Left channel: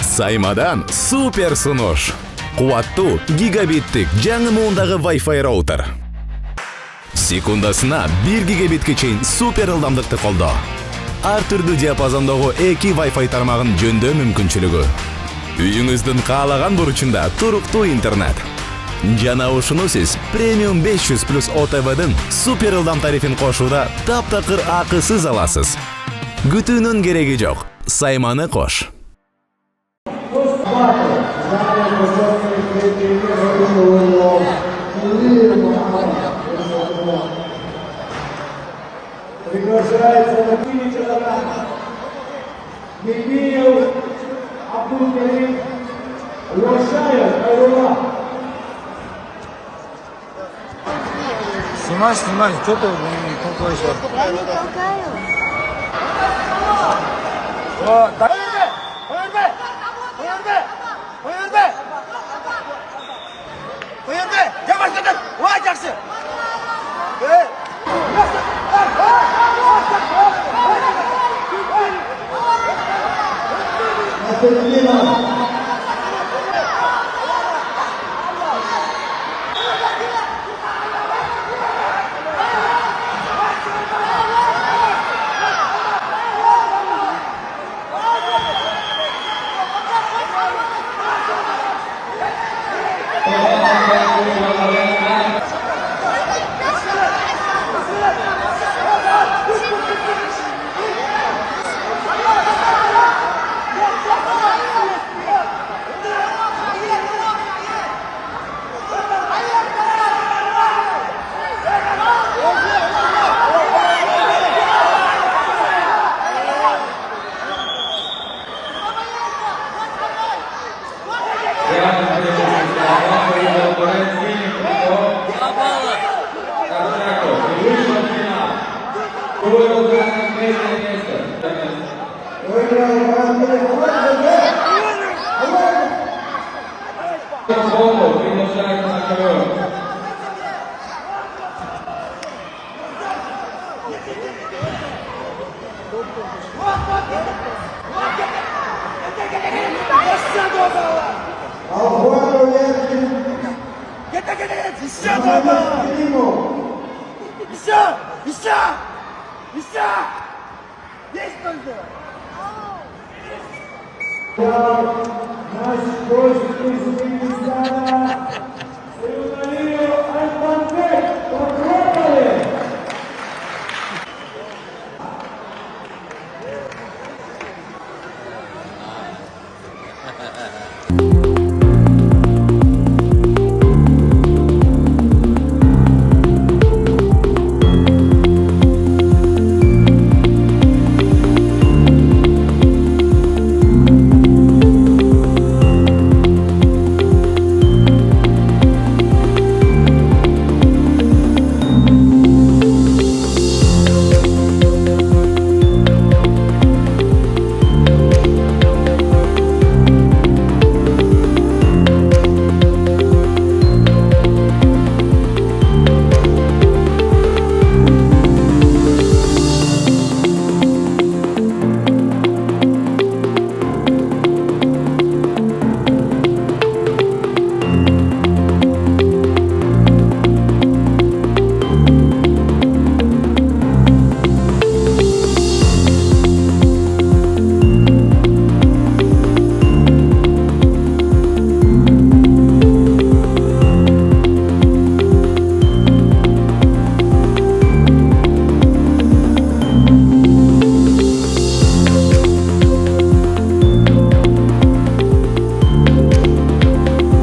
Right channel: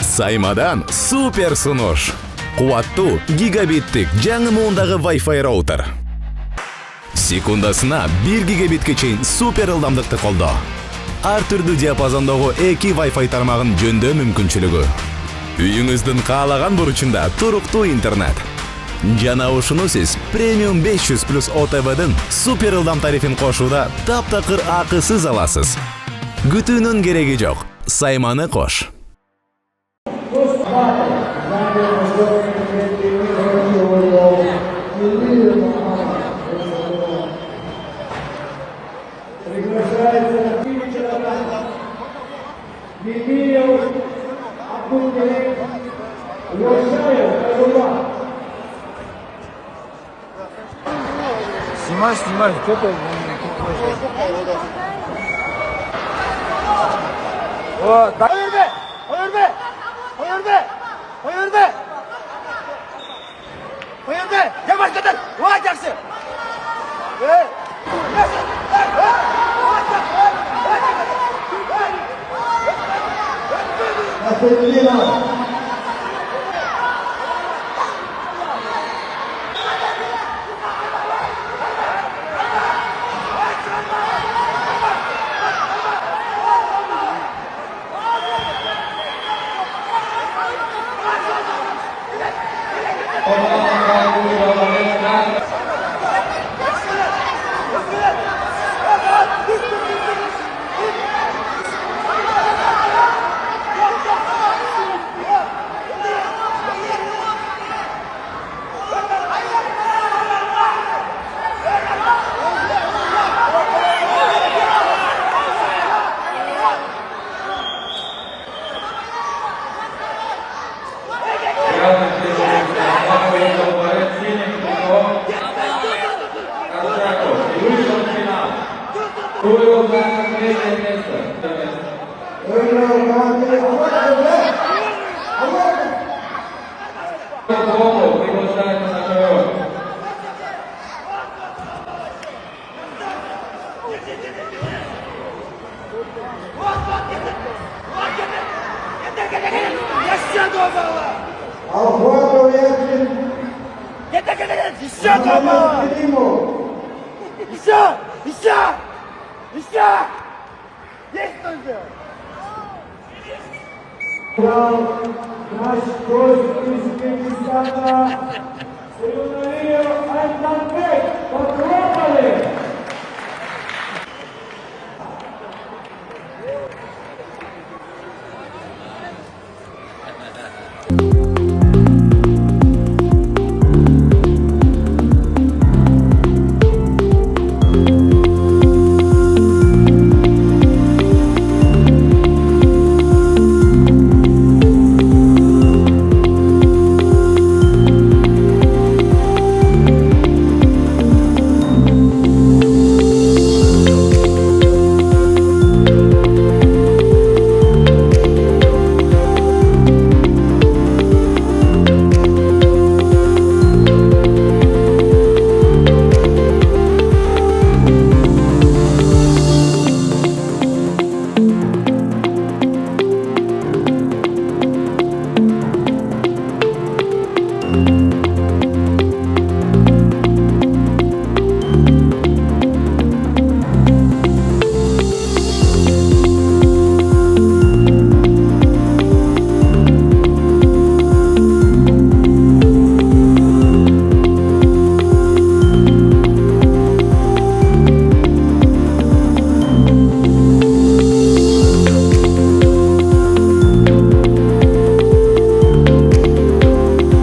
Сайmadan супер сунуш. Куаттуу гигабиттик жаңы муундагы Wi-Fi роутер. Секундасына 1 гигабитке чейин супер ылдамдыкты колдоо. Ар түрдүү диапазондогу 2 Wi-Fi тармагын жөндөө мүмкүнчүлүгү. Үйүңүздүн каалаган бурчунда туруктуу интернет. Жана ушуну сиз премиум 500 плюс ОТВдын супер ылдам тарифин кошууда таптакыр акысыз аласыз. Күтүүнүн кереги жок. Сайманы кош. Снимай, что ты вышел?